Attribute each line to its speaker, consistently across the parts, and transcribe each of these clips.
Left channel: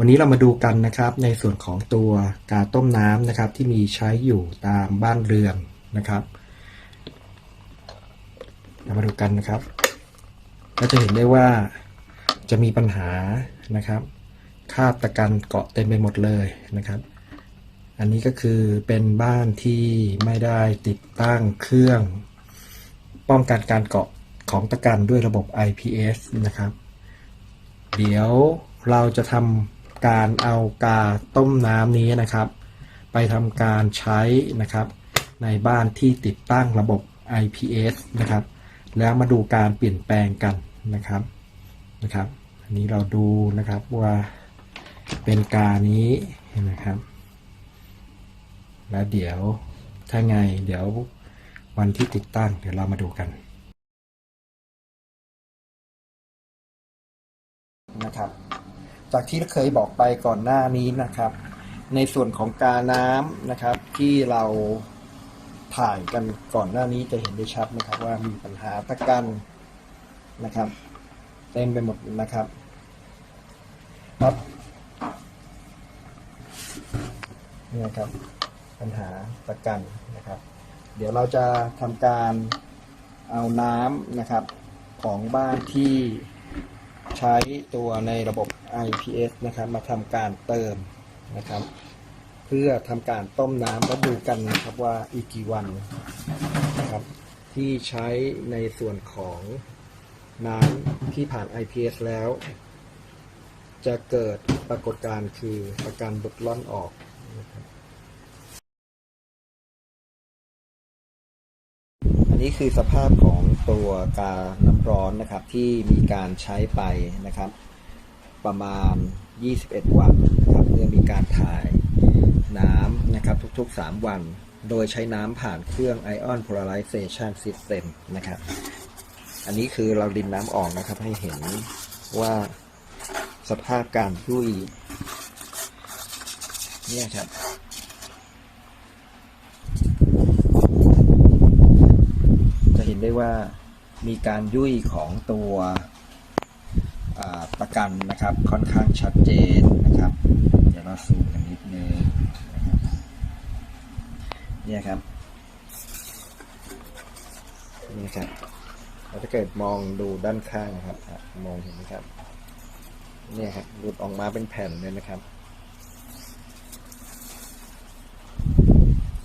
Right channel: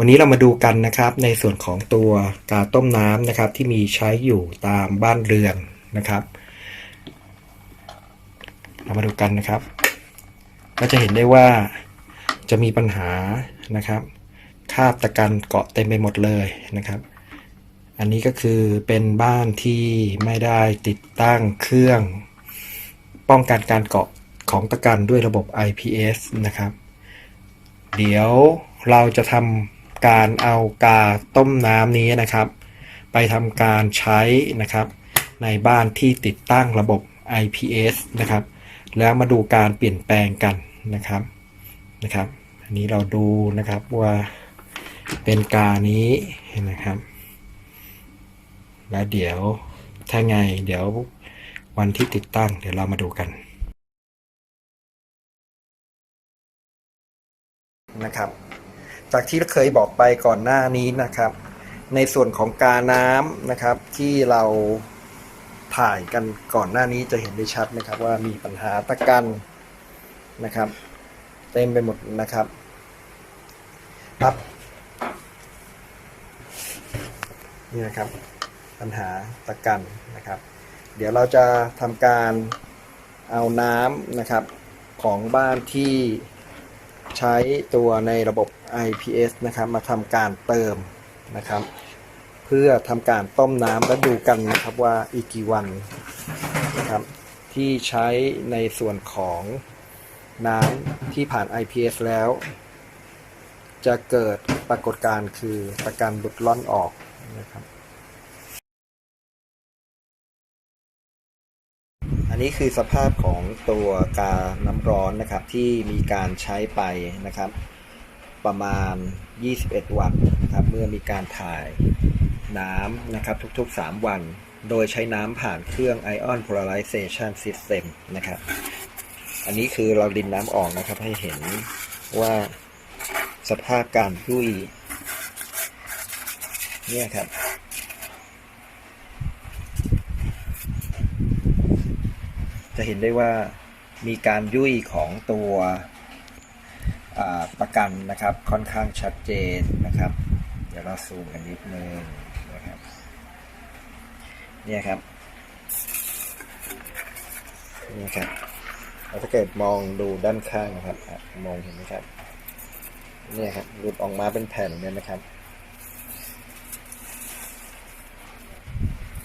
Speaker 1: วันนี้เรามาดูกันนะครับในส่วนของตัวกาต้มน้ำนะครับที่มีใช้อยู่ตามบ้านเรือนนะครับ เรามาดูกันนะครับ ก็จะเห็นได้ว่าจะมีปัญหานะครับคาบตะกันเกาะเต็มไปหมดเลยนะครับ อันนี้ก็คือเป็นบ้านที่ไม่ได้ติดตั้งเครื่อง ป้องกันการเกาะของตะกันด้วยระบบ IPS นะครับ เดี๋ยวเราจะทำ การเอากาต้มน้ำนี้นะครับ ไปทำการใช้นะครับ ในบ้านที่ติดตั้งระบบ IPS นะครับ แล้วมาดูการเปลี่ยนแปลงกันนะครับนะครับ อันนี้เราดูนะครับว่าเป็นกานี้นะครับ แล้วเดี๋ยวถ้าไงเดี๋ยววันที่ติดตั้งเดี๋ยวเรามาดูกันนะครับ จากที่เคยบอกไปก่อนหน้านี้นะครับ ในส่วนของกาน้ำนะครับ ที่เราถ่ายกันก่อนหน้านี้จะเห็นได้ชัดนะครับ ว่ามีปัญหาตะกันนะครับ เต็มไปหมดนะครับครับนี่นะครับ ปัญหาตะกันนะครับ เดี๋ยวเราจะทำการเอาน้ำนะครับของบ้านที่ ใช้ตัวในระบบ IPS นะครับมาทำการเติมนะครับ เพื่อทำการต้มน้ำและดูกันนะครับว่าอีกกี่วันนะครับที่ใช้ในส่วนของน้ำที่ผ่าน IPS แล้ว จะเกิดปรากฏการณ์คือประกันหลุดล่อนออกนะครับ อันนี้คือสภาพของตัวกาน้ำร้อนนะครับที่มีการใช้ไปนะครับ ประมาณ 21 วันนะครับ เมื่อมีการถ่ายน้ำนะครับทุกๆ 3 วัน โดยใช้น้ำผ่านเครื่อง Ion Polarization System นะครับ อันนี้คือเราดินน้ำออกนะครับให้เห็นว่าสภาพการยุ่ยเนี่ยครับ จะ เห็นได้ว่ามีการยุ่ยของตัวประกันนะครับค่อนข้างชัดเจนนะครับ เดี๋ยวเราซูมกันนิดนึงนะครับเนี่ยครับนี่ครับแล้วถ้าเกิดมองดูด้านข้างนะครับมองเห็นไหมครับเนี่ยครับหลุดออกมาเป็นแผ่นเลยนะครับ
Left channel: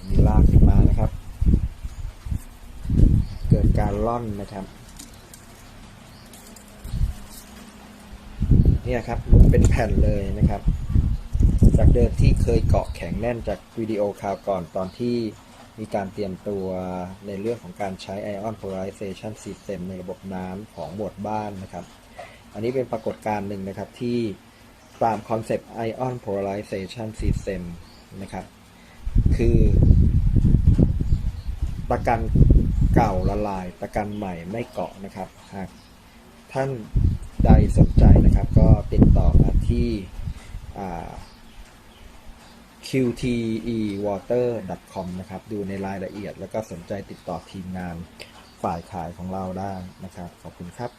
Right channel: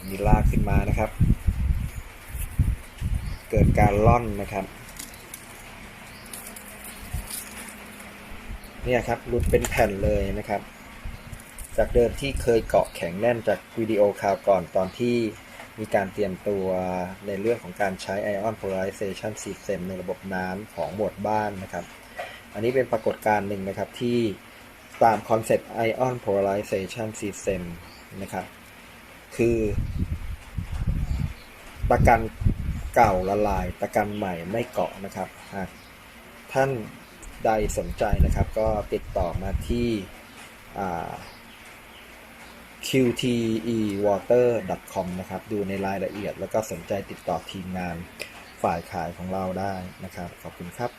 Speaker 1: มีลากขึ้นมานะครับ เกิดการล่อนนะครับ เนี่ยครับหลุดเป็นแผ่นเลยนะครับ จากเดิมที่เคยเกาะแข็งแน่นจากวิดีโอคราวก่อนตอนที่มีการเตรียมตัวในเรื่องของการใช้ Ion Polarization System ในระบบน้ำของหมวดบ้านนะครับ อันนี้เป็นปรากฏการณ์หนึ่งนะครับที่ตามคอนเซปต์ Ion Polarization System นะครับ คือประกัน เก่าละลายตะกันใหม่ไม่เกาะนะครับ หากท่านใดสนใจนะครับ ก็ติดต่อมาที่ qtewater.com นะครับ ดูในรายละเอียดแล้วก็สนใจติดต่อทีมงานฝ่ายขายของเราได้นะครับ ขอบคุณครับ